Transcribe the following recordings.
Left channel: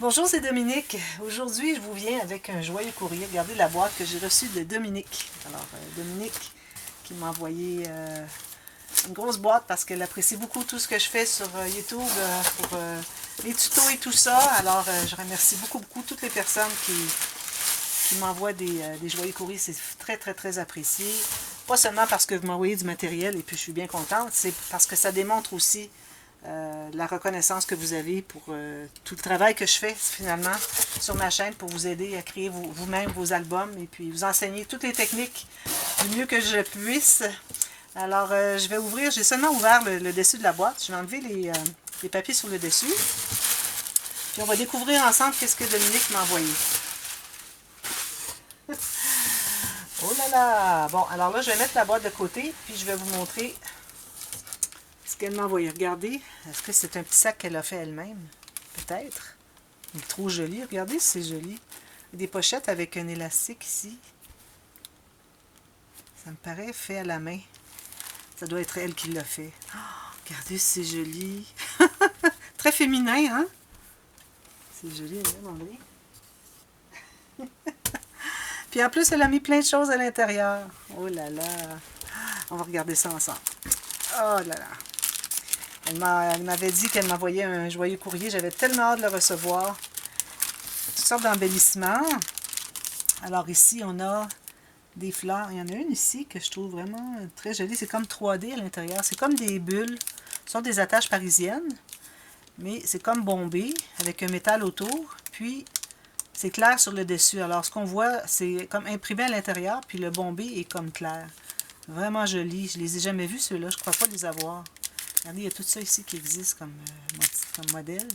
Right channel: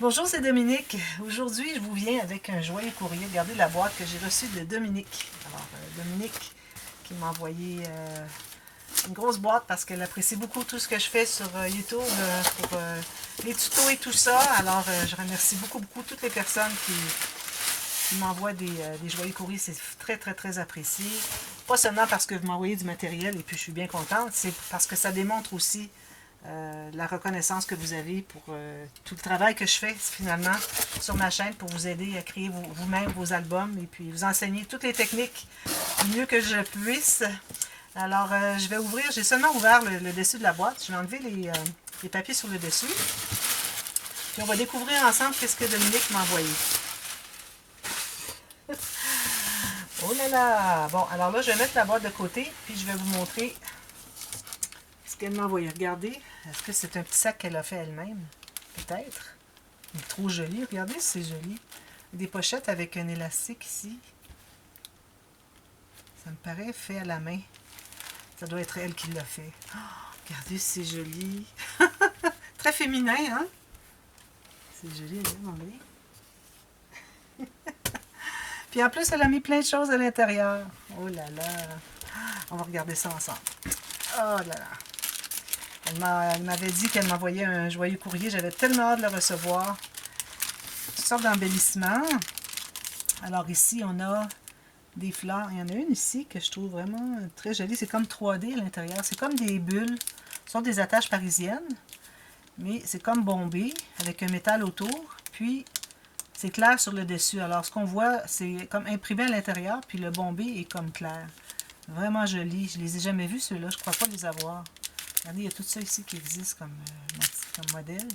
Bonjour, c'est Dominique. Aujourd'hui, je vous viens avec un joyeux courrier. Regardez la boîte que j'ai reçue de Dominique. Alors, Dominique qui m'a envoyé une grosse boîte parce qu'elle apprécie beaucoup tout ce que je fais sur YouTube pour les tutos et tout ça. Alors, je remercie beaucoup toutes les personnes qui m'envoient des joyeux courriers. C'est très, très, très apprécié. Pas seulement parce que vous m'envoyez du matériel et puis je suis bien contente, c'est parce que ça démontre aussi la reconnaissance que vous avez pour tout le travail que je fais finalement sur ma chaîne pour vous aider à créer vous-même vos albums et puis vous enseigner toutes les techniques du mieux que je puisse. Alors, je vais ouvrir, j'ai seulement ouvert le dessus de la boîte. Je vais enlever les papiers sur le dessus. Puis on va découvrir ensemble qu'est-ce que Dominique m'a envoyé. Oh là là! Bon, alors là, je vais mettre la boîte de côté, puis je vais vous montrer ce qu'elle m'a envoyé. Regardez, est-ce que c'est un petit sac qu'elle a fait elle-même? Peut-être. Il est trop joli. Regardez si c'est joli. Des pochettes avec un élastique ici. Ça me paraît fait à la main. Ça doit être elle qui l'a fait. Oh, regardez si c'est joli. Très féminin, hein? C'est joli, regardez. Puis en plus, elle a mis plein de choses à l'intérieur. Oh là là. On va regarder ça ensemble. Oh là là. Elle m'avait dit qu'elle m'envoyait un joyeux courrier. J'avais tellement hâte de le recevoir. Toutes sortes d'embellissements. Alors ici, on a des fleurs. Il y en a une ici que je trouve vraiment très jolie. C'est comme 3D à l'intérieur. C'est comme des bulles. Ce sont des attaches parisiennes. Mais c'est comme bombé avec un métal autour. Puis, c'est clair sur le dessus. Alors, ce qu'on voit, c'est comme imprimé à l'intérieur. Puis, le bombé est comme clair. Vraiment joli. Je ne les ai jamais vus, ceux-là. Je ne crois pas les avoir. Regardez, il y a tout ça ici qui existe comme modèle.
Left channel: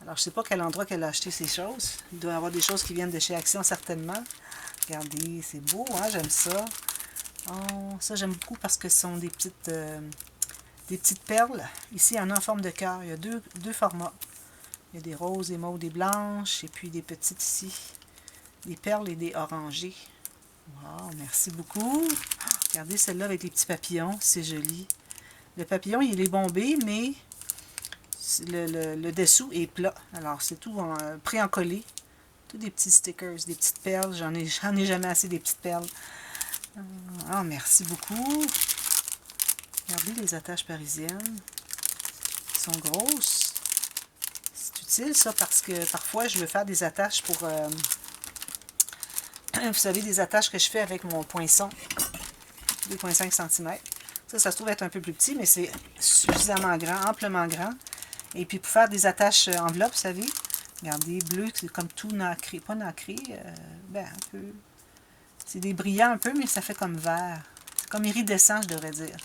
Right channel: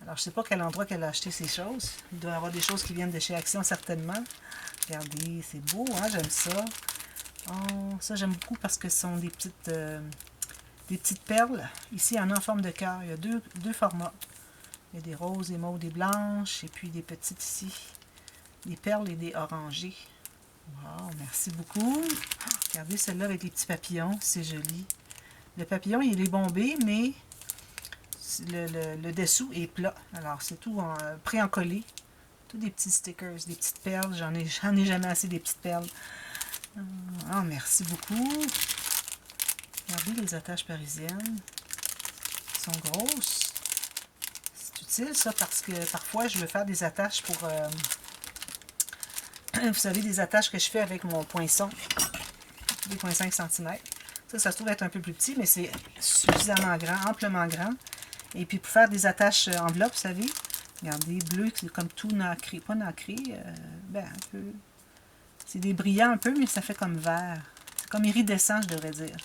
Alors, je ne sais pas quel endroit qu'elle a acheté ces choses. Il doit y avoir des choses qui viennent de chez Action, certainement. Regardez, c'est beau, hein? J'aime ça. Oh, ça, j'aime beaucoup parce que ce sont des petites perles. Ici, il y en a en forme de cœur. Il y a deux formats. Il y a des roses, des mauves, des blanches, et puis des petites ici. Des perles et des orangés. Wow, merci beaucoup. Regardez celle-là avec les petits papillons. C'est joli. Le papillon, il est bombé, mais le dessous est plat. Alors, c'est tout pré-encollé. Tous des petits stickers, des petites perles. J'en ai jamais assez des petites perles. Ah, merci beaucoup. Regardez les attaches parisiennes. Elles sont grosses. C'est utile, ça, parce que parfois, je veux faire des attaches pour... vous savez, des attaches que je fais avec mon poinçon. Des points 5 cm. Ça se trouve être un peu plus petit, mais c'est suffisamment grand, amplement grand. Et puis, pour faire des attaches enveloppes, vous savez, regardez, bleu, c'est comme tout nacré. Pas nacré, ben, un peu... C'est des brillants un peu, mais ça fait comme vert. C'est comme iridescent, je devrais dire.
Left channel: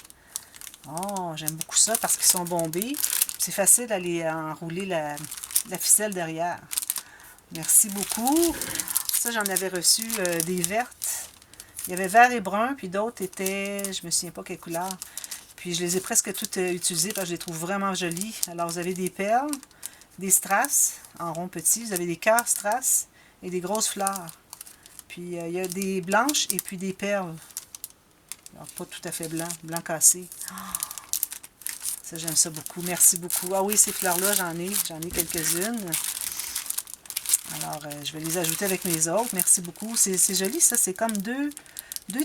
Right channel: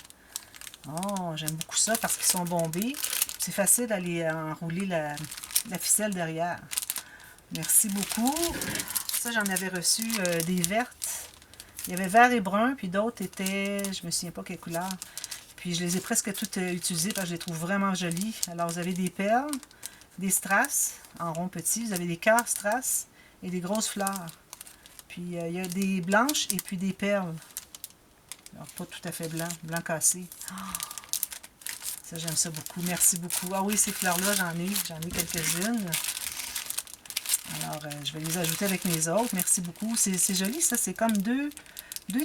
Oh, j'aime beaucoup ça parce qu'ils sont bombés. C'est facile d'aller enrouler la ficelle derrière. Merci beaucoup. Ça, j'en avais reçu des vertes. Il y avait vert et brun, puis d'autres étaient, je me souviens pas quelle couleur. Puis je les ai presque toutes utilisées parce que je les trouve vraiment jolies. Alors, vous avez des perles, des strass en rond petit. Vous avez des cœurs strass et des grosses fleurs. Puis, il y a des blanches et puis des perles. Alors, pas tout à fait blanc, blanc cassé. Ça, j'aime ça beaucoup. Merci beaucoup. Ah oui, ces fleurs-là, j'en ai quelques-unes. Alors, je vais les ajouter avec mes autres. Merci beaucoup. C'est joli, ça. C'est comme deux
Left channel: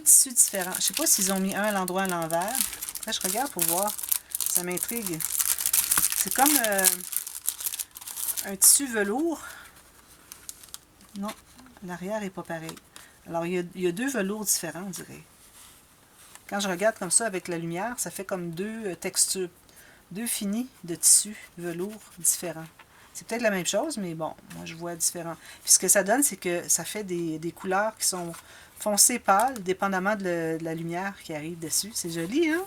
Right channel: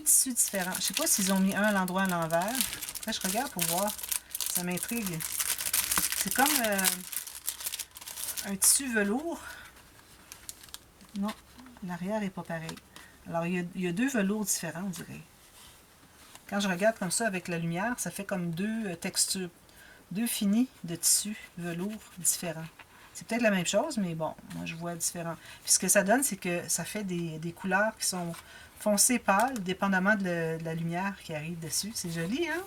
tissus différents. Je ne sais pas s'ils ont mis un à l'endroit à l'envers. Après, je regarde pour voir. Ça m'intrigue. C'est comme un tissu velours. Non, l'arrière n'est pas pareil. Alors, il y a deux velours différents, on dirait. Quand je regarde comme ça avec la lumière, ça fait comme deux textures. Deux finis de tissu velours différents. C'est peut-être la même chose, mais bon, moi je vois différent. Puis ce que ça donne, c'est que ça fait des couleurs qui sont foncées pâles, dépendamment de la lumière qui arrive dessus. C'est joli, hein?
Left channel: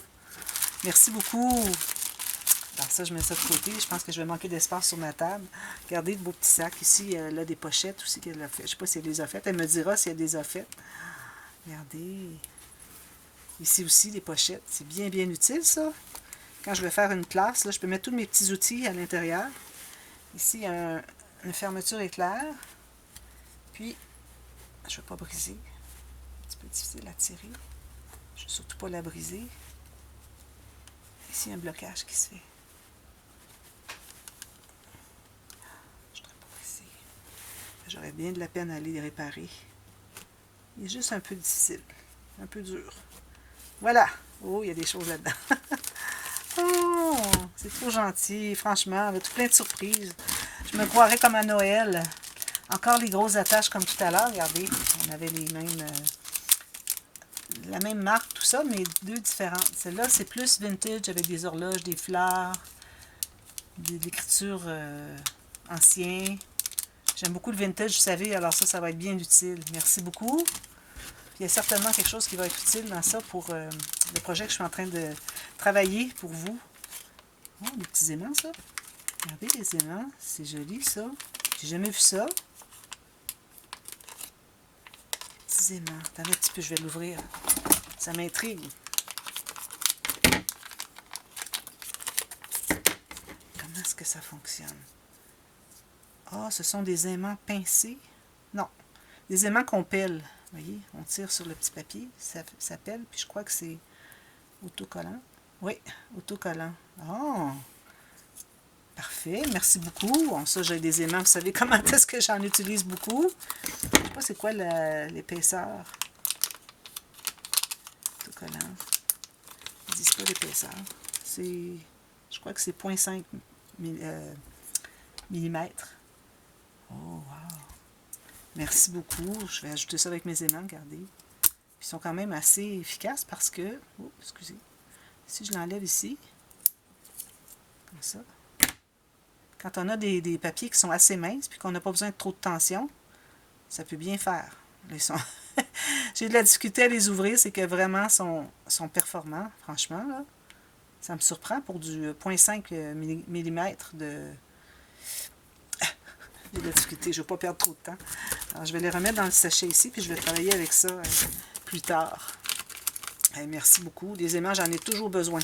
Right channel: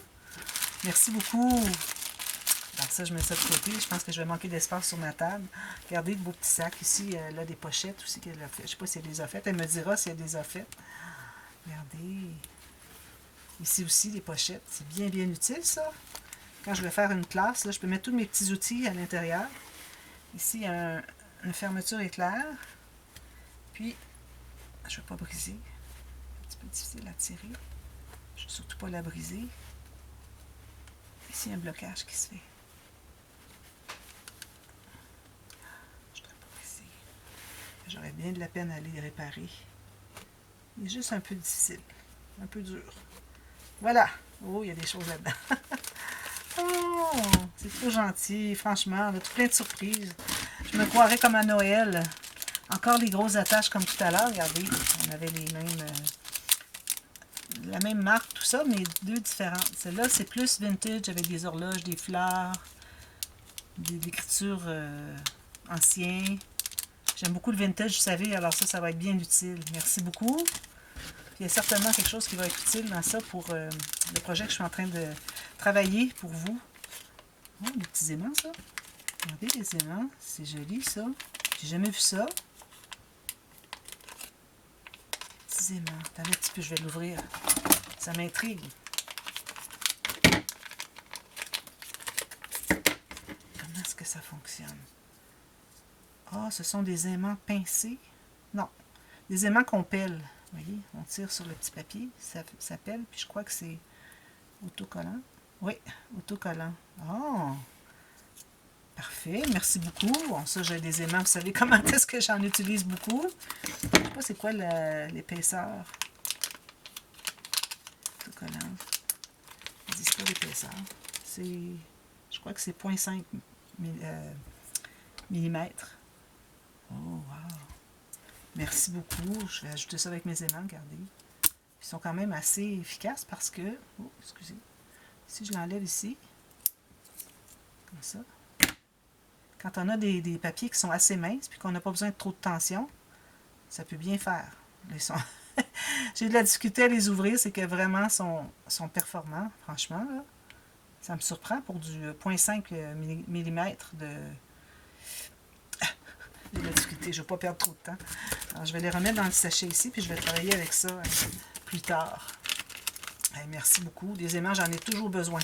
Merci beaucoup. Alors ça, je mets ça de côté. Je pense que je vais manquer d'espace sur ma table. Regardez le beau petit sac ici. Elle a des pochettes aussi qu'elle a fait. Je ne sais pas si elle les a faites. Elle me dira si elle les a faites. Regardez. Ici aussi, des pochettes. C'est bien utile, ça. Quand je vais faire une classe, là, je peux mettre tous mes petits outils à l'intérieur. Ici, il y a une fermeture éclair. Puis, je ne vais pas briser. Un petit peu difficile à tirer. Je ne veux surtout pas la briser. Ici, il y a un blocage qui se fait. Je ne voudrais pas briser. J'aurais bien de la peine à les réparer. Il est juste un peu difficile. Un peu dur. Voilà. Oh, il y a des choses là-dedans. Oh, c'est trop gentil. Franchement, avec plein de surprises. Je me croirais comme à Noël. Encore les grosses attaches comme tout à l'heure. Regardez, on avait les mêmes... la même marque, tout ça, mais deux différentes. Celle-là, c'est plus vintage avec des horloges, des fleurs, de l'écriture ancienne. J'aime beaucoup le vintage, vous savez, alors ça va être bien utile. Merci beaucoup. Il y a certainement quelque chose qui va être utile dans ça pour le projet que je suis en train de travailler pour vous. Oh, des petits aimants, ça. Regardez les aimants, c'est joli, ça. J'ai jamais vu ça. Petits aimants. Attendez un petit peu, je vais l'ouvrir. Ça m'intrigue. Comment est-ce que ça fonctionne? Ah, ce sont des aimants pincés. Non, des aimants qu'on pèle. Vous voyez, on tire sur le petit papier, ça pèle, puis je crois que c'est autocollant. Oui, autocollant. Oh, parfait, merci beaucoup. Bon, ça, j'ai des aimants, vous savez comment est-ce que j'en utilise beaucoup. Je ne sais pas c'est quoi l'épaisseur. Autocollant. Ils disent pas l'épaisseur. C'est, je crois que c'est 0,5 millimètres. Oh, wow. Merci beaucoup. Je vais ajouter ça avec mes aimants, regardez. Ils sont quand même assez efficaces parce que... Oh, excusez. Si je l'enlève ici, comme ça. Quand on a des papiers qui sont assez minces puis qu'on n'a pas besoin de trop de tension, ça peut bien faire. J'ai de la difficulté à les ouvrir, c'est que vraiment sont performants, franchement. Là. Ça me surprend pour du 0,5 mm de... J'ai de la difficulté, je ne vais pas perdre trop de temps. Alors, je vais les remettre dans le sachet ici, puis je vais travailler avec ça plus tard. Merci beaucoup. Des aimants, j'en ai toujours besoin.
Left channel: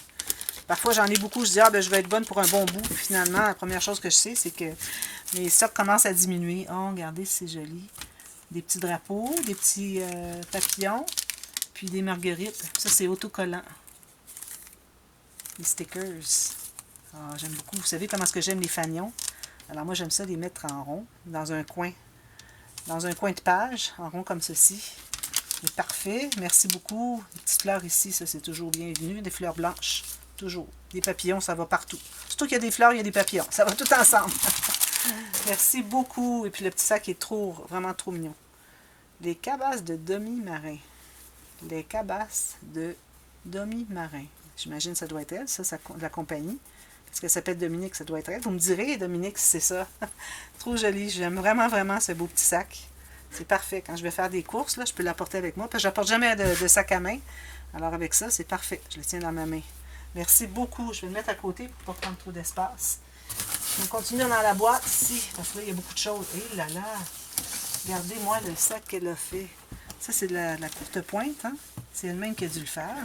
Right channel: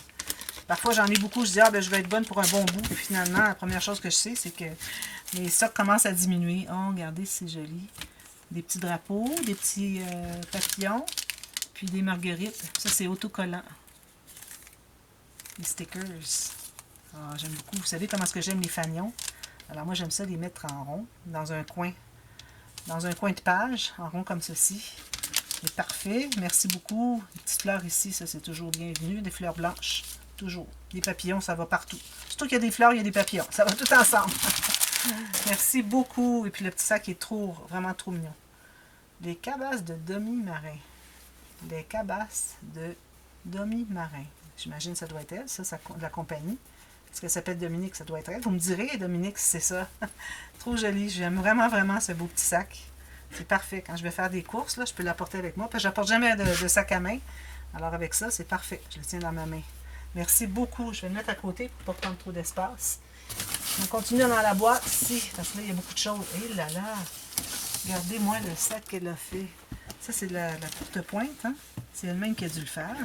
Parfois, j'en ai beaucoup, je dis, ah, ben, je vais être bonne pour un bon bout. Puis finalement, la première chose que je sais, c'est que mes stocks commencent à diminuer. Oh, regardez, c'est joli. Des petits drapeaux, des petits papillons, puis des marguerites. Ça, c'est autocollant. Les stickers. Oh, j'aime beaucoup. Vous savez comment est-ce que j'aime les fanions? Alors moi, j'aime ça les mettre en rond, dans un coin de page, en rond comme ceci. C'est parfait. Merci beaucoup. Les petites fleurs ici, ça, c'est toujours bienvenu. Des fleurs blanches, toujours. Des papillons, ça va partout. Surtout qu'il y a des fleurs, il y a des papillons. Ça va tout ensemble. Merci beaucoup. Et puis le petit sac est vraiment trop mignon. Les cabasses de demi-marin. Les cabasses de demi-marin. J'imagine que ça doit être elle, ça, de la compagnie. Parce qu'elle s'appelle Dominique, ça doit être elle. Vous me direz, Dominique, si c'est ça. Trop joli. J'aime vraiment, vraiment ce beau petit sac. C'est parfait. Quand je vais faire des courses, là, je peux l'apporter avec moi. Parce que je n'apporte jamais de sac à main. Alors avec ça, c'est parfait. Je le tiens dans ma main. Merci beaucoup. Je vais le mettre à côté pour ne pas prendre trop d'espace. On continue dans la boîte ici. Parce que là, il y a beaucoup de choses. Et là là! Regardez-moi le sac qu'elle a fait. Ça, c'est de la courte pointe. Hein? C'est elle-même qui a dû le faire.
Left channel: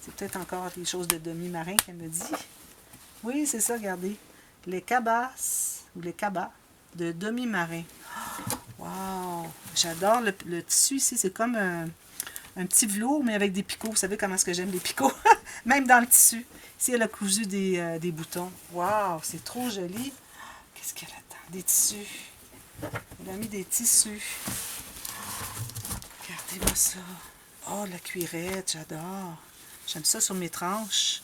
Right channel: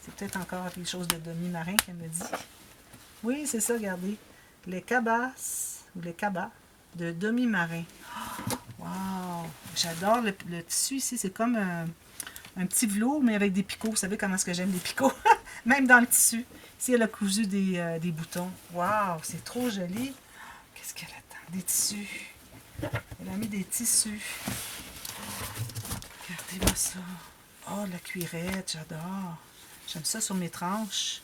C'est peut-être encore des choses de demi-marin qu'elle me dit. Oui, c'est ça, regardez. Les cabasses, ou les cabas, de demi-marin. Wow! J'adore le tissu ici. C'est comme un petit velours, mais avec des picots. Vous savez comment est-ce que j'aime les picots? Même dans le tissu. Ici, elle a cousu des boutons. Wow! C'est trop joli. Qu'est-ce qu'elle a? Des tissus. Elle a mis des tissus. Regardez-moi ça. Oh, la cuirette, j'adore. J'aime ça sur mes tranches.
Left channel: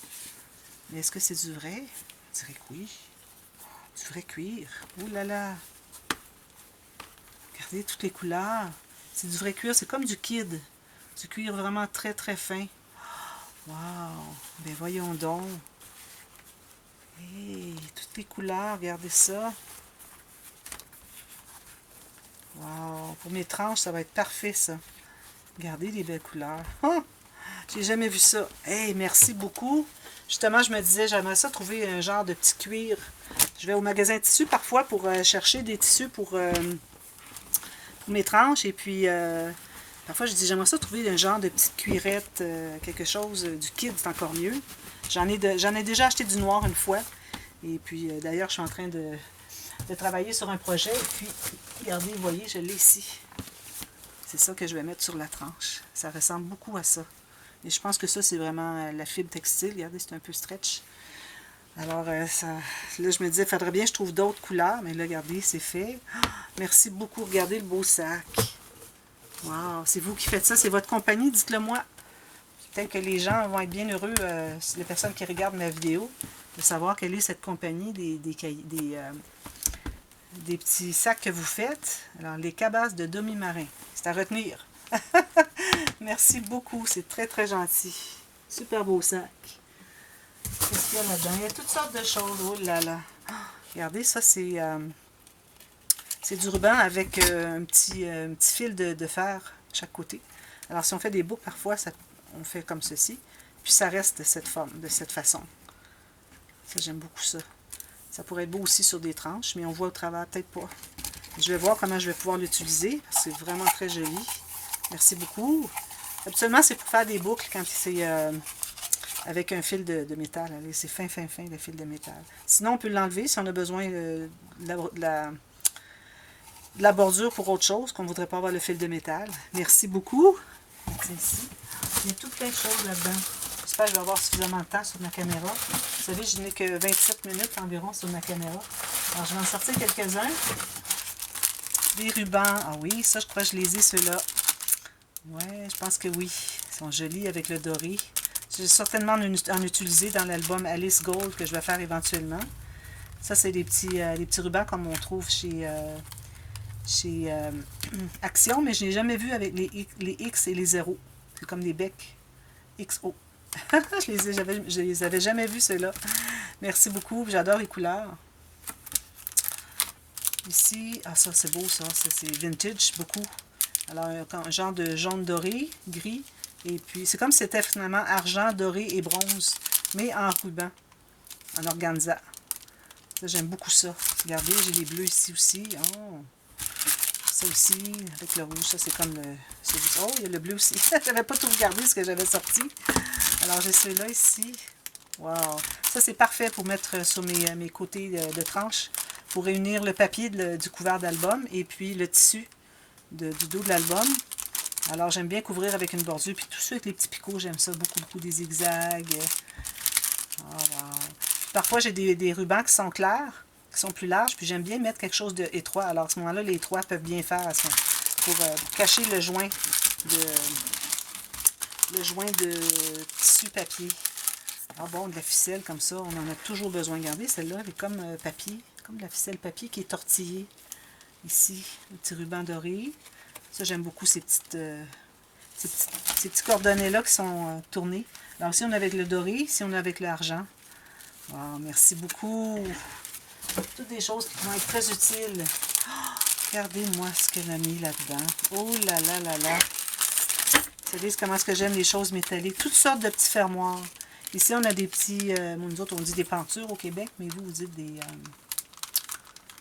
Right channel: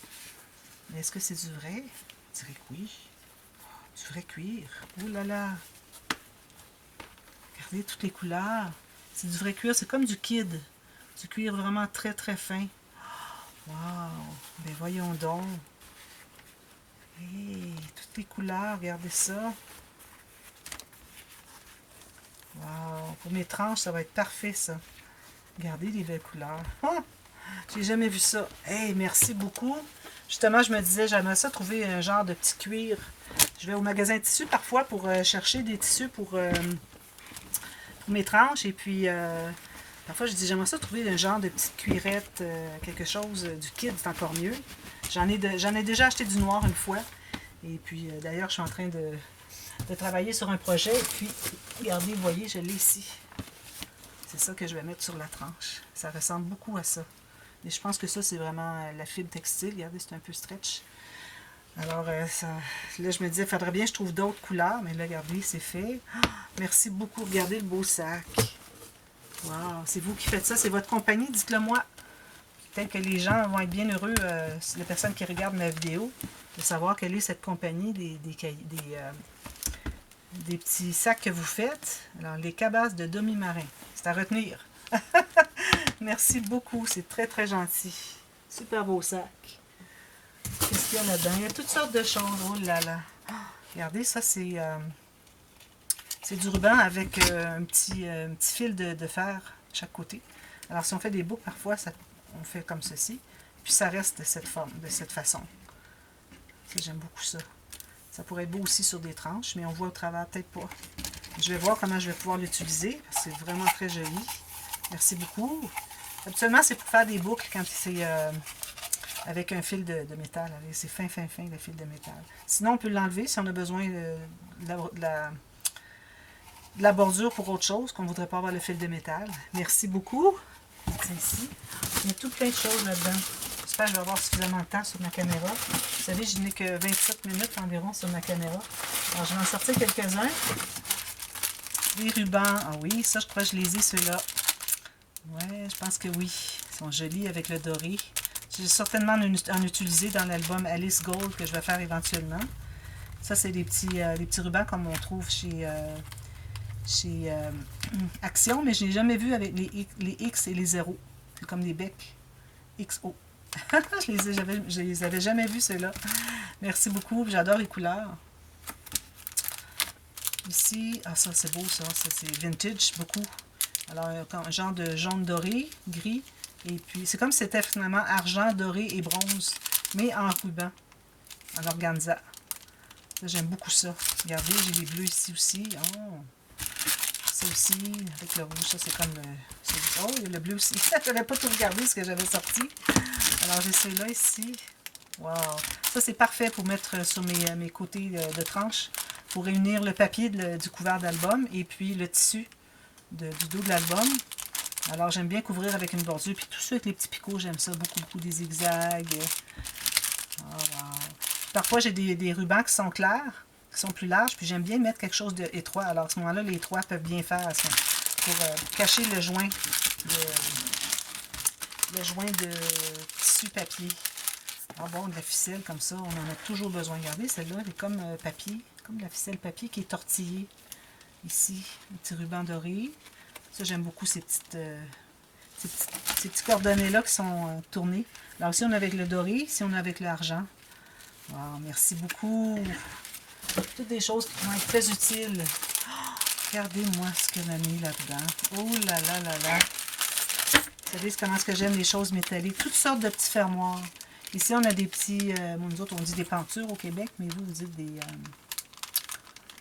Mais est-ce que c'est du vrai? Je dirais que oui. Du vrai cuir. Oh là là! Regardez toutes les couleurs. C'est du vrai cuir. C'est comme du kid. Du cuir vraiment très très fin. Wow! Ben voyons donc. Hey, toutes les couleurs. Regardez ça. Wow! Pour mes tranches, ça va être parfait ça. Regardez les belles couleurs. Oh! J'ai jamais vu ça. Hey, merci beaucoup. Justement, je me disais, j'aimerais ça trouver un genre de petit cuir. Je vais au magasin de tissus parfois pour chercher des tissus pour mes tranches. Et puis, parfois, je dis, j'aimerais ça trouver un genre de petite cuirette, quelque chose du kid, c'est encore mieux. J'en ai déjà acheté du noir une fois. Et puis, d'ailleurs, je suis en train de travailler sur un projet. Et puis, regardez, vous voyez, je l'ai ici. C'est ça que je vais mettre sur la tranche. Ça ressemble beaucoup à ça. Et je pense que ça, c'est vraiment la fibre textile. Regardez, c'est un peu stretch. Alors, là, je me disais, il faudrait bien que je trouve d'autres couleurs. Mais là, regardez, c'est fait. Ah, merci beaucoup. Regardez le beau sac. Wow, c'est vous qui faites ça. C'est votre compagnie, dites-le moi. Peut-être que les gens vont être bien heureux, les personnes qui regardent la vidéo, de savoir quelle est cette compagnie des petits sacs que vous faites. Alors, les cabasses de demi-marin. C'est à retenir. Merci beaucoup. C'est très, très gentil. Super beau sac. Qu'est-ce qu'il y a là-dedans? Il y a toutes sortes de choses. Oh là là. Regardez, ça, c'est du ruban avec un petit fil de fer à chaque côté. Alors, si on fait des boucles, parfois, on fait comme ceci. Puis, ça reste de cette forme, de cette façon. Ça, j'aime beaucoup ça. Ça pourrait être beau aussi sur des tranches, mais on voit au travers, peut-être pas. Je vais voir comment je vais pouvoir l'utiliser, parce que c'est vraiment très joli. Merci beaucoup. Habituellement, c'est pour faire des boucles quand c'est avec un fil de métal. C'est fin, fin, fin, le fil de métal. Sinon, on peut l'enlever si on a besoin de la bordure pour autre chose, qu'on ne voudrait pas avoir le fil de métal. Merci beaucoup. Ici. Il y a tout plein de choses là-dedans. J'espère que je vais avoir suffisamment de temps sur ma caméra. Vous savez, je n'ai que 27 minutes environ sur ma caméra. Alors, je vais en sortir quelques-uns. Des rubans. Ah oui, ça, je crois que je les ai, ceux-là. Ouais, je pense que oui. Ils sont jolis avec le doré. Je vais certainement en utiliser dans l'album Alice Gold que je vais faire éventuellement. Ça, c'est les petits rubans comme on trouve chez Action, mais je n'ai jamais vu avec les X et les 0. C'est comme des becs XO. je les avais jamais vus, ceux-là. Merci beaucoup. J'adore les couleurs. Ici, ah ça c'est beau ça c'est vintage beaucoup. Alors un genre de jaune doré, gris, et puis c'est comme si c'était finalement argent, doré et bronze, mais en ruban, en organza. J'aime beaucoup ça. Regardez, j'ai les bleus ici aussi. Oh. Ça aussi, avec le rouge, ça c'est comme... oh, il y a le bleu aussi. Je n'avais pas tout regardé ce que j'avais sorti. Alors j'ai celui-là ici. Wow! Ça c'est parfait pour mettre sur mes côtés de tranche, pour réunir le papier du couvert d'album et puis le tissu du dos de l'album. Alors j'aime bien couvrir avec une bordure. Puis tout ça avec les petits picots, j'aime ça beaucoup, beaucoup, des zigzags. Oh, wow. Parfois j'ai des rubans qui sont clairs, qui sont plus larges, puis j'aime bien mettre quelque chose d'étroit. Alors à ce moment-là, les étroits peuvent bien faire ça, pour cacher le joint de tissu papier. Ah bon, de la ficelle comme ça, on en a toujours besoin. Regardez, celle-là, elle est comme papier, comme de la ficelle papier qui est tortillée. Ici, un petit ruban doré. Ça, j'aime beaucoup ces petits cordonnets-là qui sont tournés. Alors ici, on a avec le doré, ici, on a avec l'argent. Wow, merci beaucoup. Toutes des choses qui vont être très utiles. Oh, regardez-moi ce qu'elle a mis là-dedans. Oh là là là là. Vous savez comment est-ce que j'aime les choses métalliques. Toutes sortes de petits fermoirs. Ici, on a des petits... nous autres, on dit des pentures au Québec, mais vous dites des...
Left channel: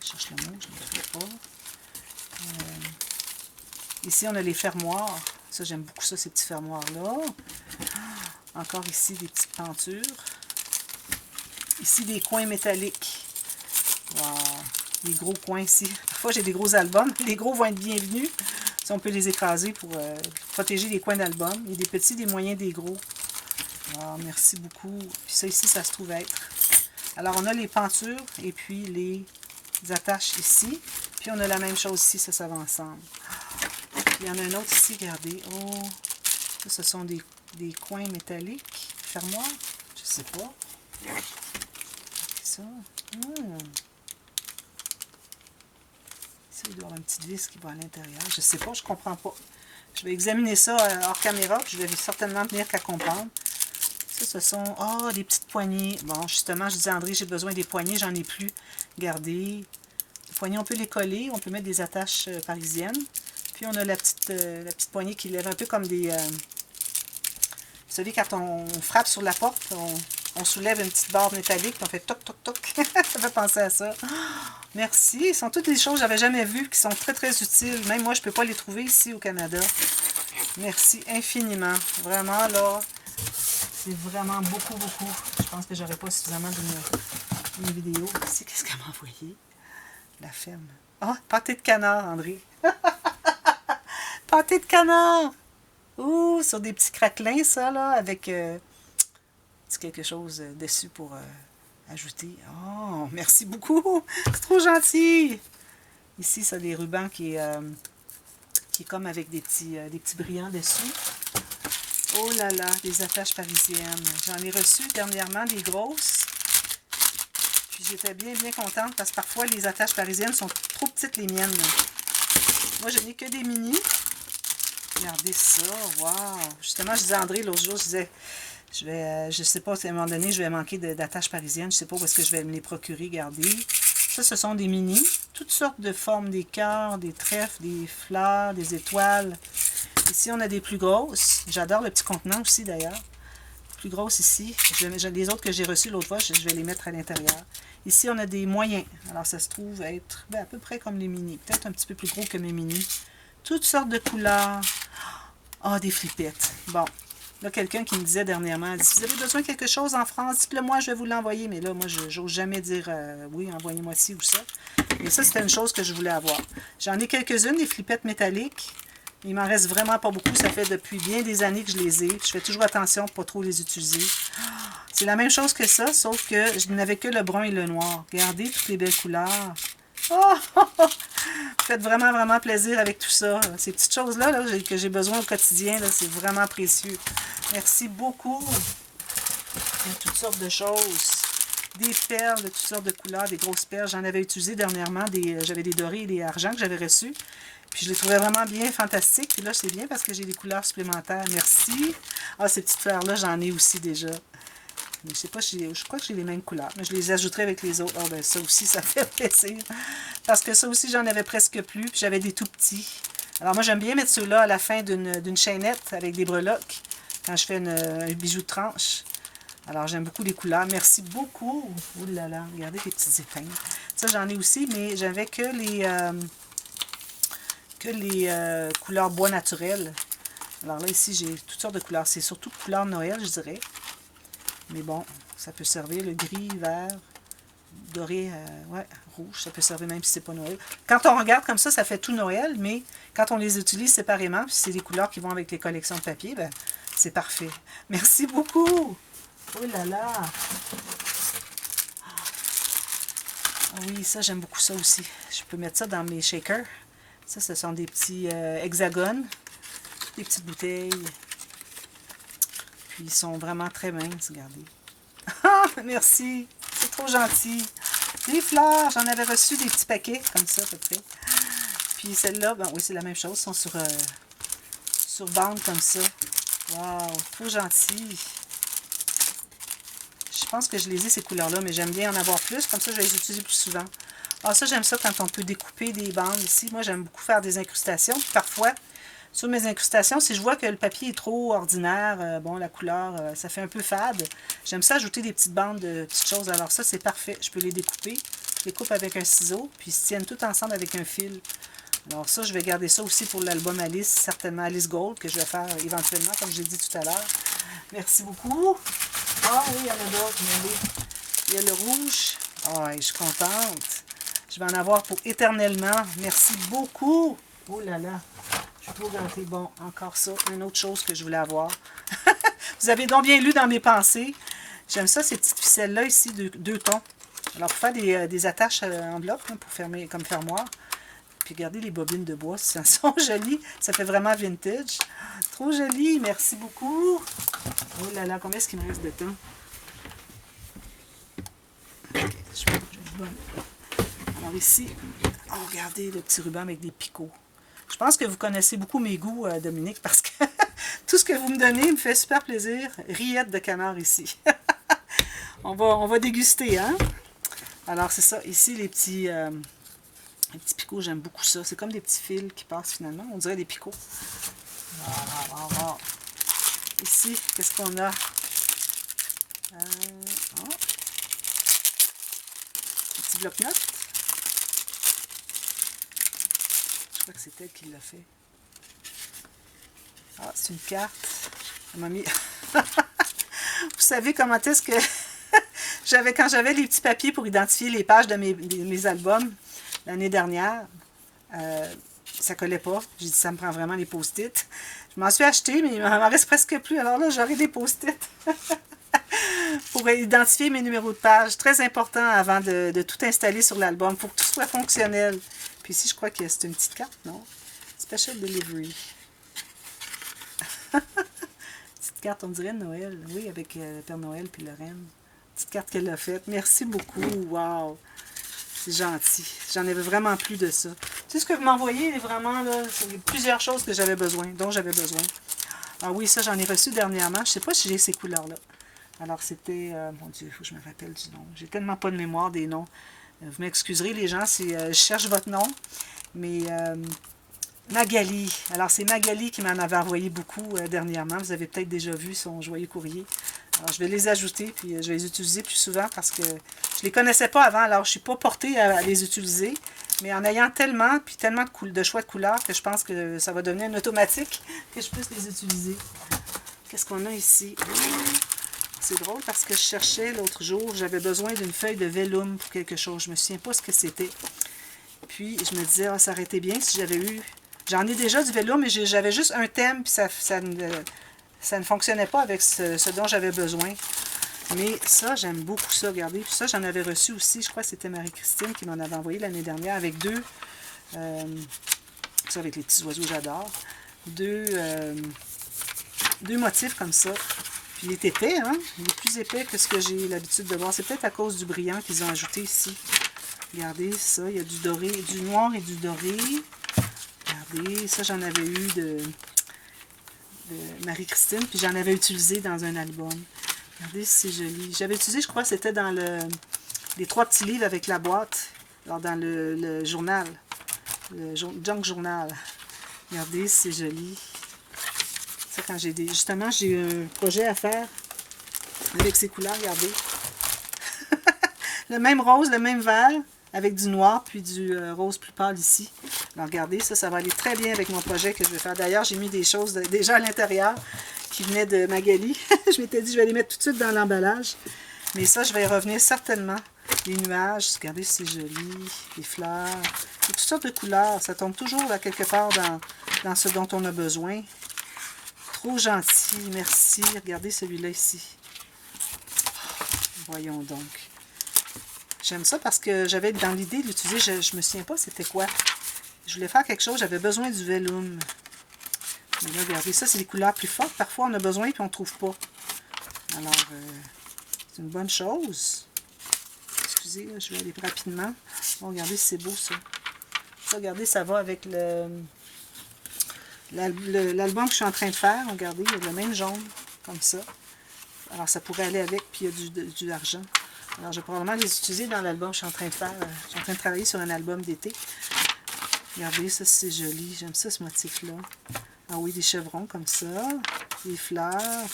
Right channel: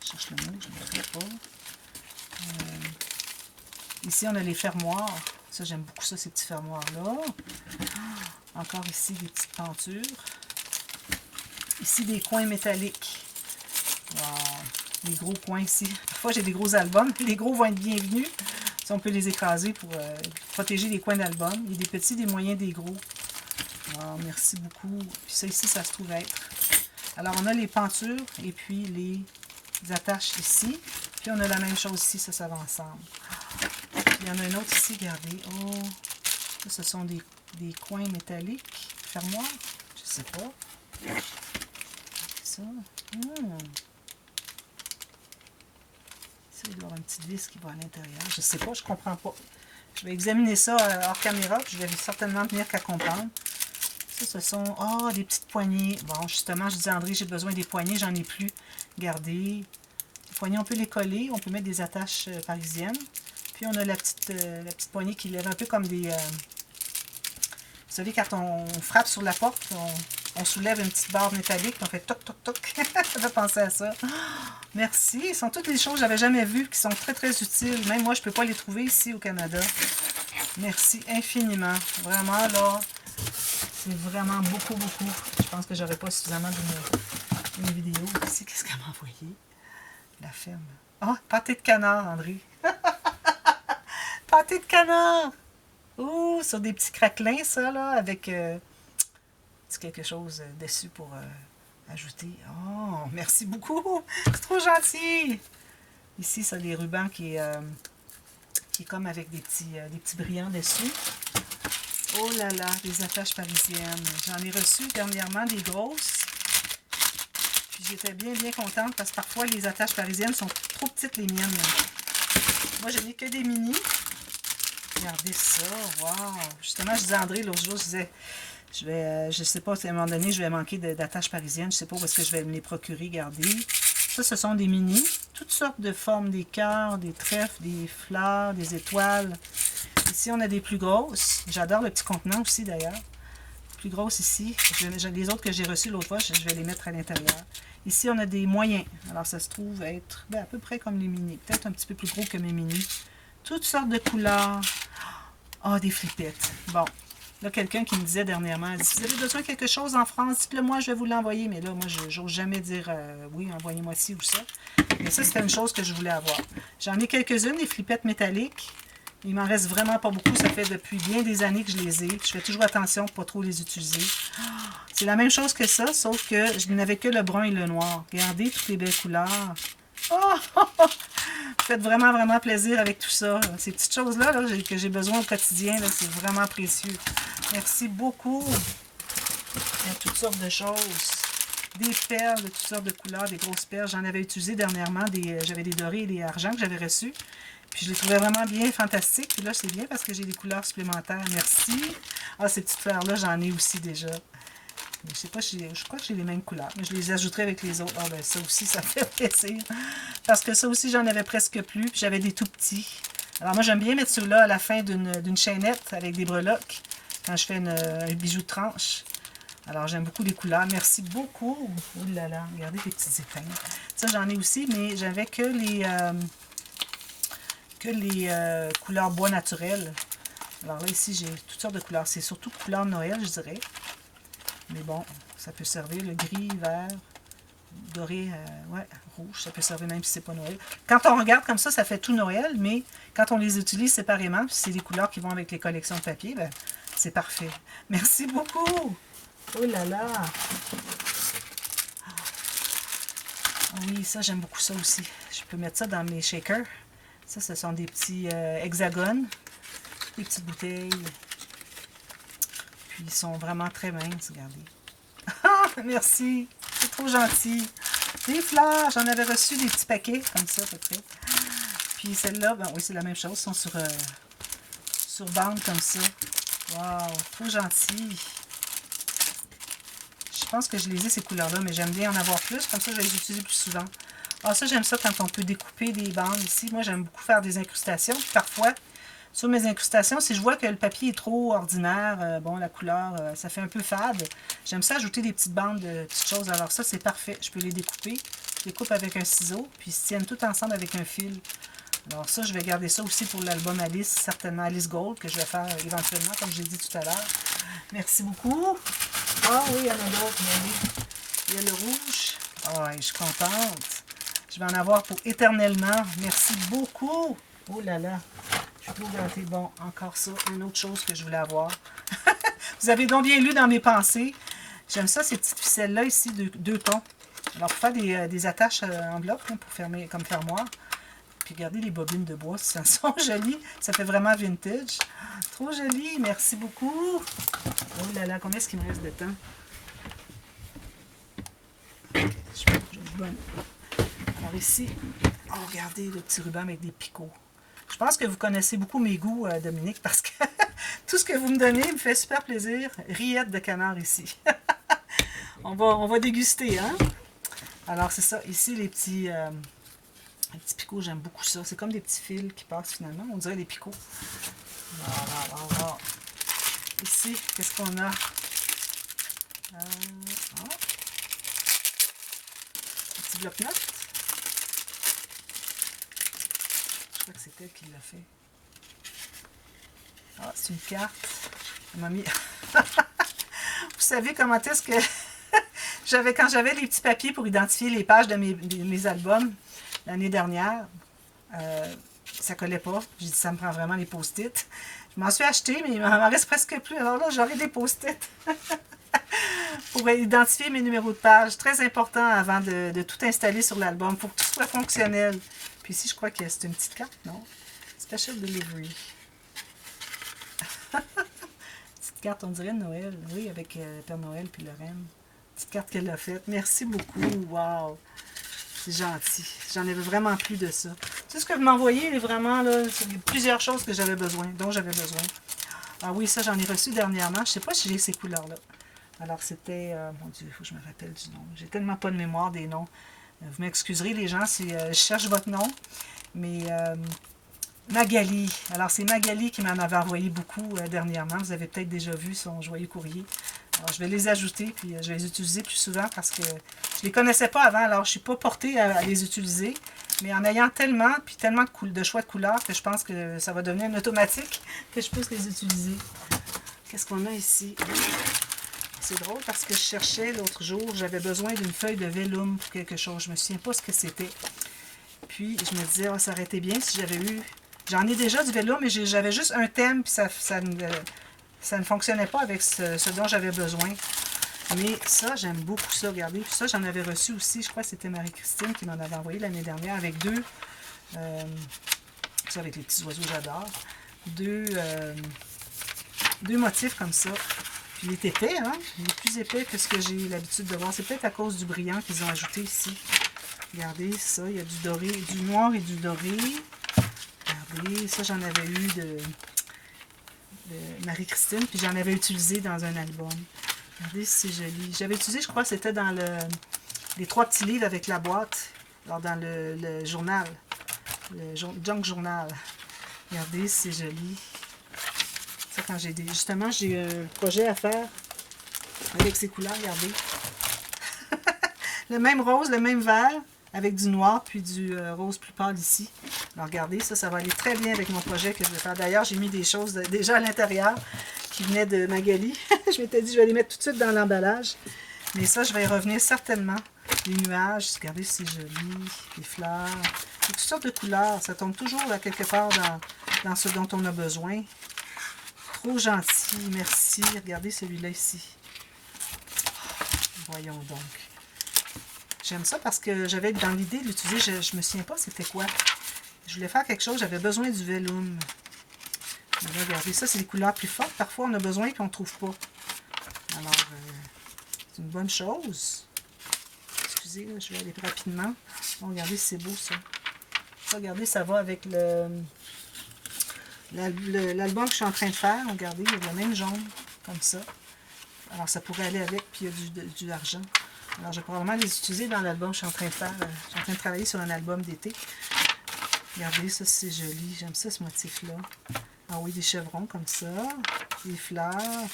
je cherche le mot, je ne sais pas. Ici, on a les fermoirs. Ça, j'aime beaucoup ça, ces petits fermoirs-là. Encore ici, des petites pentures. Ici, des coins métalliques. Wow. Les gros coins ici. Parfois, j'ai des gros albums. Les gros vont être bienvenus. Si on peut les écraser pour protéger les coins d'album. Il y a des petits, des moyens, des gros. Wow, merci beaucoup. Puis ça ici, ça se trouve être. Alors, on a les pentures et puis les attaches ici. Puis on a la même chose ici, ça va ensemble. Il y en a un autre ici, regardez. Oh, ça, ce sont des coins métalliques. Fermoirs, je sais pas. Ça. Ça, il doit y avoir une petite vis qui va à l'intérieur. Je sais pas, je comprends pas. Je vais examiner ça hors caméra, puis je vais certainement venir qu'à comprendre. Ça, ce sont, des petites poignées. Bon, justement, je disais à André, j'ai besoin des poignées, j'en ai plus. Regardez. Les poignées, on peut les coller, on peut mettre des attaches parisiennes. Puis on a la petite poignée qui lève un peu comme des... vous savez, quand on frappe sur la porte, on soulève une petite barre métallique, on fait toc, toc, toc. Ça fait penser à ça. Merci. Ce sont toutes des choses que je n'avais jamais vues, qui sont très, très utiles. Même moi, je ne peux pas les trouver ici au Canada. Merci infiniment. Vraiment, là, c'est vraiment beaucoup, beaucoup. Je pense que j'aurais pas suffisamment d'une vidéo. Ici, qu'est-ce qu'elle m'a envoyé? La ferme. Ah, pâté de canard, André. Pâté de canard! Ouh, sur des petits craquelins, ça, là, avec quelque chose dessus pour Ajouter. Oh, merci beaucoup. C'est trop gentil. Ici, ça, les rubans qui est comme avec des petits brillants dessus. Oh là là, des attaches parisiennes. J'en ai reçu dernièrement des grosses. Puis j'étais bien, bien contente parce que parfois, les attaches parisiennes sont trop petites, les miennes. Moi, je n'ai que des mini. Regardez ça, wow! Justement, je disais à André l'autre jour, je disais, je sais pas, à un moment donné, je vais manquer d'attaches parisiennes, je sais pas où est-ce que je vais me les procurer, regardez. Ça, ce sont des mini, toutes sortes de formes, des cœurs, des trèfles, des fleurs, des étoiles. Ici, on a des plus grosses. J'adore le petit contenant aussi, d'ailleurs. Plus grosses ici. Les autres que j'ai reçus l'autre fois, je vais les mettre à l'intérieur. Ici, on a des moyens. Alors, ça se trouve être à peu près comme les mini. Peut-être un petit peu plus gros que mes mini. Toutes sortes de couleurs. Ah, des flippettes. Bon. Là, quelqu'un qui me disait dernièrement, elle dit, si vous avez besoin de quelque chose en France, dites-le moi, je vais vous l'envoyer. Mais là, moi, je n'ose jamais dire oui, envoyez-moi ci ou ça. Mais ça, c'était une chose que je voulais avoir. J'en ai quelques-unes, des flippettes métalliques. Il m'en reste vraiment pas beaucoup. Ça fait depuis bien des années que je les ai. Je fais toujours attention pour ne pas trop les utiliser. C'est la même chose que ça, sauf que je n'avais que le brun et le noir. Regardez toutes les belles couleurs. Oh! Faites vraiment, vraiment plaisir avec tout ça. Ces petites choses-là que j'ai besoin au quotidien, c'est vraiment précieux. Merci beaucoup. Il y a toutes sortes de choses. Des perles de toutes sortes de couleurs, des grosses perles. J'en avais utilisé dernièrement. J'avais des dorés et des argents que j'avais reçus. Puis je les trouvais vraiment bien fantastiques. Puis là, c'est bien parce que j'ai des couleurs supplémentaires. Merci. Ah, ces petites fleurs-là, j'en ai aussi déjà. Mais je sais pas, je crois que j'ai les mêmes couleurs. Mais je les ajouterai avec les autres. Ah ben ça aussi, ça fait plaisir. Parce que ça aussi, j'en avais presque plus. Puis j'avais des tout petits. Alors moi, j'aime bien mettre ceux-là à la fin d'une chaînette avec des breloques. Quand je fais un bijou de tranche. Alors j'aime beaucoup les couleurs. Merci beaucoup. Oh là là, regardez les petites épingles. Ça, j'en ai aussi, mais j'avais que les couleurs bois naturel. Alors là, ici, j'ai toutes sortes de couleurs. C'est surtout couleur Noël, je dirais. Mais bon, ça peut servir le gris, vert, doré, ouais, rouge. Ça peut servir même si c'est pas Noël. Quand on regarde comme ça fait tout Noël, mais quand on les utilise séparément, puis c'est des couleurs qui vont avec les collections de papier, ben, c'est parfait. Merci beaucoup! Oh là là! Ah oui, ça, j'aime beaucoup ça aussi. Je peux mettre ça dans mes shakers. Ça, ce sont des petits hexagones, des petites bouteilles. Puis ils sont vraiment très minces, regardez. Ah, merci! C'est trop gentil! Des fleurs! J'en avais reçu des petits paquets, comme ça, à peu près. Puis celles-là, ben oui, c'est la même chose. Elles sont sur bande, comme ça. Wow! Trop gentil! Je pense que je les ai, ces couleurs-là, mais j'aime bien en avoir plus. Comme ça, je vais les utiliser plus souvent. Ah, ça, j'aime ça quand on peut découper des bandes ici. Moi, j'aime beaucoup faire des incrustations. Puis parfois, sur mes incrustations, si je vois que le papier est trop ordinaire, bon, la couleur, ça fait un peu fade, j'aime ça ajouter des petites bandes de petites choses. Alors ça, c'est parfait. Je peux les découper. Je les coupe avec un ciseau, puis ils se tiennent tout ensemble avec un fil. Alors ça, je vais garder ça aussi pour l'album Alice, certainement Alice Gold, que je vais faire éventuellement, comme j'ai dit tout à l'heure. Merci beaucoup. Ah oui, il y en a d'autres, mais oui. Il y a le rouge. Ah, je suis contente. Je vais en avoir pour éternellement. Merci beaucoup. Oh là là. Je suis trop gâtée. Bon, encore ça. Une autre chose que je voulais avoir. Vous avez donc bien lu dans mes pensées. J'aime ça, ces petites ficelles-là ici, de 2 tons. Alors, pour faire des attaches en bloc, hein, pour fermer comme fermoir. Puis regardez les bobines de bois, ça sont jolies. Ça fait vraiment vintage. Trop joli. Merci beaucoup. Oh là là, combien est-ce qu'il me reste de temps? Alors ici, oh, regardez le petit ruban avec des picots. Je pense que vous connaissez beaucoup mes goûts, Dominique, parce que tout ce que vous me donnez me fait super plaisir. Rillettes de canard ici. on va déguster, hein? Alors c'est ça, ici les petits picots, j'aime beaucoup ça. C'est comme des petits fils qui passent finalement. On dirait des picots. Voilà. Ici, qu'est-ce qu'on a? Petit bloc-notes. Je crois que c'est elle qui l'a fait. Ah, c'est une carte. Elle m'a mis... Vous savez comment est-ce que... quand j'avais des petits papiers pour identifier les pages de mes albums l'année dernière, ça collait pas. J'ai dit, ça me prend vraiment les post-it. Je m'en suis acheté, mais il m'en reste presque plus. Alors là, j'aurai des post-it. pour identifier mes numéros de page. Très important avant de tout installer sur l'album. Pour que tout soit fonctionnel. Puis ici, je crois que c'est une petite carte, non? Special Delivery. Petite carte, on dirait de Noël. Oui, avec Père Noël puis le Reine. Petite carte qu'elle a faite. Merci beaucoup. Wow! C'est gentil. J'en avais vraiment plus de ça. Tout ce que vous m'envoyez est vraiment, là, c'est plusieurs choses que j'avais besoin, dont j'avais besoin. Ah oui, ça, j'en ai reçu dernièrement. Je ne sais pas si j'ai ces couleurs-là. Alors, c'était... mon Dieu, il faut que je me rappelle du nom. J'ai tellement pas de mémoire des noms. Vous m'excuserez, les gens, si je cherche votre nom. Mais Magali. Alors, c'est Magali qui m'en avait envoyé beaucoup dernièrement. Vous avez peut-être déjà vu son joyeux courrier. Alors, je vais les ajouter, puis je vais les utiliser plus souvent parce que je ne les connaissais pas avant. Alors, je ne suis pas portée à les utiliser. Mais en ayant tellement, puis tellement de choix de couleurs que je pense que ça va devenir un automatique que je puisse les utiliser. Qu'est-ce qu'on a ici? C'est drôle parce que je cherchais l'autre jour, j'avais besoin d'une feuille de vellum pour quelque chose. Je ne me souviens pas ce que c'était. Puis, je me disais, ça aurait été bien si j'avais eu... J'en ai déjà du vellum, mais j'avais juste un thème, puis ça ne fonctionnait pas avec ce dont j'avais besoin. Mais ça, j'aime beaucoup ça, regardez. Puis ça, j'en avais reçu aussi, je crois que c'était Marie-Christine qui m'en avait envoyé l'année dernière avec deux, ça avec les petits oiseaux, j'adore, deux motifs comme ça. Puis il est épais, hein? Il est plus épais que ce que j'ai l'habitude de voir. C'est peut-être à cause du brillant qu'ils ont ajouté ici. Regardez ça, il y a du doré, du noir et du doré. Regardez, ça j'en avais eu de Marie-Christine, puis j'en avais utilisé dans un album. Regardez si c'est joli. J'avais utilisé, je crois, c'était dans les 3 petits livres avec la boîte, alors dans le journal, le junk journal. Regardez si c'est joli. Ça, quand justement, j'ai un projet à faire avec ces couleurs, regardez. Le même rose, le même vert, avec du noir, puis du rose plus pâle ici. Alors, regardez, ça va aller très bien avec mon projet que je vais faire. D'ailleurs, j'ai mis des choses déjà à l'intérieur qui venaient de Magali. Je m'étais dit, je vais les mettre tout de suite dans l'emballage. Mais ça, je vais y revenir certainement. Les nuages, regardez, c'est joli. Les fleurs. Et toutes sortes de couleurs. Ça tombe toujours à quelque part dans ce dont on a besoin. Trop gentil, merci. Regardez celui-là ici. Voyons donc. J'aime ça parce que j'avais dans l'idée de l'utiliser. Je me souviens pas c'était quoi. Je voulais faire quelque chose, j'avais besoin du vellum. Regardez, ça c'est des couleurs plus fortes. Parfois on a besoin et on ne trouve pas. Alors, c'est une bonne chose. Excusez, là, je vais aller rapidement. Bon, regardez, c'est beau ça. Ça, regardez, ça va avec l'album que je suis en train de faire. Regardez, il y a le même jaune, comme ça. Alors, ça pourrait aller avec, puis il y a du argent. Alors, je vais probablement les utiliser dans l'album que je suis en train de faire. Je suis en train de travailler sur un album d'été. Regardez, ça, c'est joli. J'aime ça, ce motif-là. Ah oui, des chevrons comme ça. Des fleurs.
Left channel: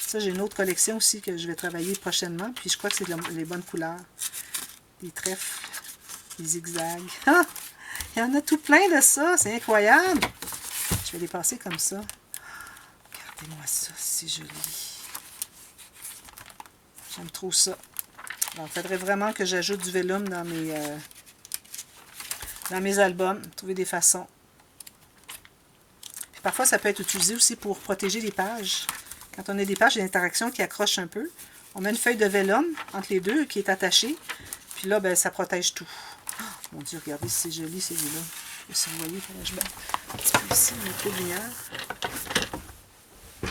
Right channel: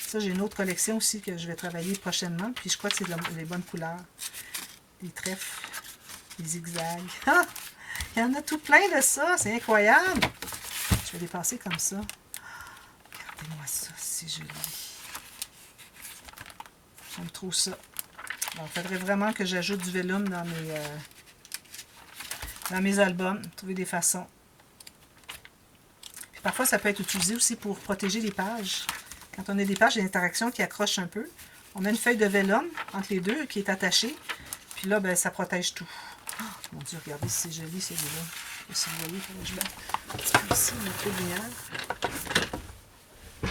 Ça, j'ai une autre collection aussi que je vais travailler prochainement. Puis, je crois que c'est les bonnes couleurs. Des trèfles. Des zigzags. Ah! Il y en a tout plein de ça. C'est incroyable. Je vais les passer comme ça. Regardez-moi ça. C'est joli. J'aime trop ça. Alors, il faudrait vraiment que j'ajoute du vellum dans mes albums. Trouver des façons. Puis parfois, ça peut être utilisé aussi pour protéger les pages. Quand on a des pages d'interaction qui accrochent un peu, on met une feuille de vellum entre les deux qui est attachée. Puis là, ben, ça protège tout. Oh, mon Dieu, regardez, c'est joli celui-là. Si vous voyez, je mets un petit peu ici, un peu de lumière. Le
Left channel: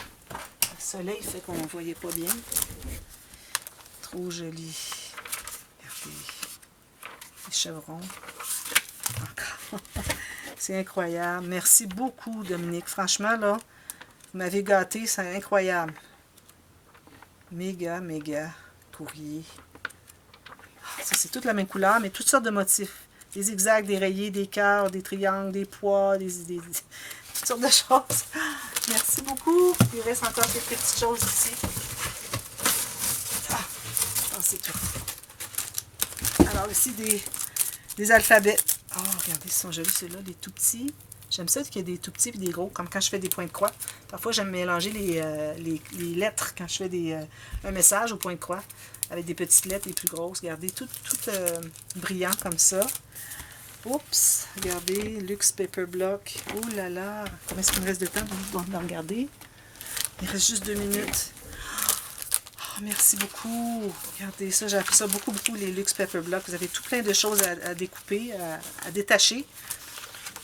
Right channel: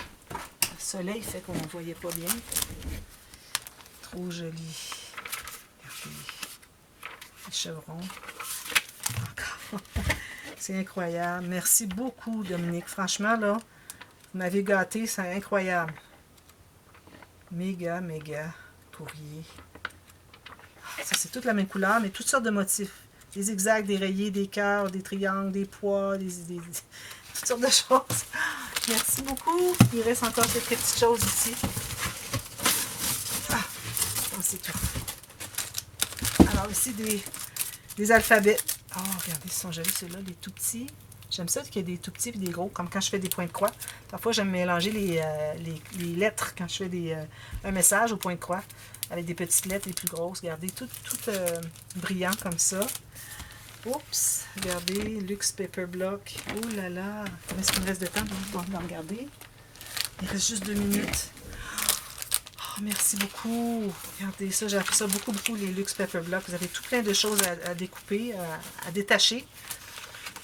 soleil fait qu'on ne voyait pas bien. Trop joli. Regardez. Les chevrons. Encore. C'est incroyable. Merci beaucoup, Dominique. Franchement, là, vous m'avez gâté. C'est incroyable. Méga, méga courrier. Ça, c'est toute la même couleur, mais toutes sortes de motifs. Des zigzags, des rayés, des cœurs, des triangles, des pois, toutes sortes de choses. Merci beaucoup. Il reste encore quelques petites choses ici. Ah, c'est tout. Alors ici, des alphabets. Oh, regardez, ils sont jolis, ceux-là, des tout petits. J'aime ça qu'il y ait des tout petits et des gros, comme quand je fais des points de croix. Parfois, j'aime mélanger les lettres quand je fais un message au point de croix, avec des petites lettres les plus grosses. Regardez, tout brillant comme ça. Oups, regardez, Luxe Paper Block. Oh là là, est-ce qu'il me reste de temps de regarder? Il reste juste 2 minutes. Oh, merci beaucoup. Regardez ça, j'ai appris ça beaucoup, les Luxe Pepper Blocks. Vous avez tout plein de choses à découper, à détacher.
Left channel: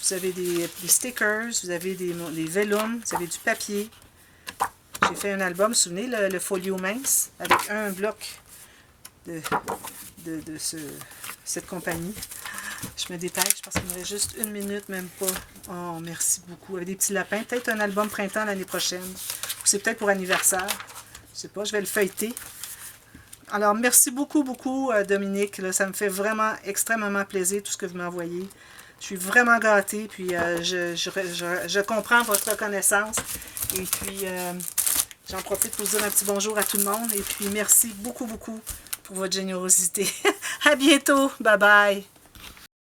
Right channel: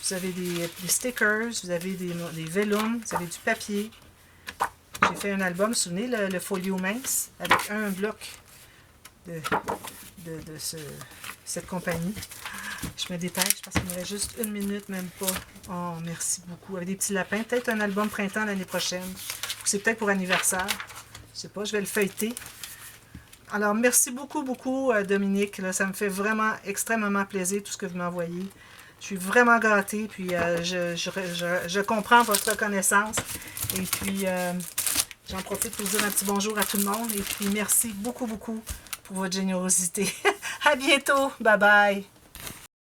Vous avez des stickers, vous avez des vellums, vous avez du papier. J'ai fait un album, vous vous souvenez, le folio mince, avec un bloc de cette compagnie. Je me dépêche parce qu'il me reste juste 1 minute, même pas. Oh, merci beaucoup. Avec des petits lapins. Peut-être un album printemps l'année prochaine. Ou c'est peut-être pour anniversaire. Je sais pas, je vais le feuilleter. Alors, merci beaucoup, Dominique. Là, ça me fait vraiment extrêmement plaisir, tout ce que vous m'envoyez. Je suis vraiment gâtée, puis je comprends votre reconnaissance. Et puis, j'en profite pour vous dire un petit bonjour à tout le monde. Et puis, merci beaucoup pour votre générosité. À bientôt. Bye bye.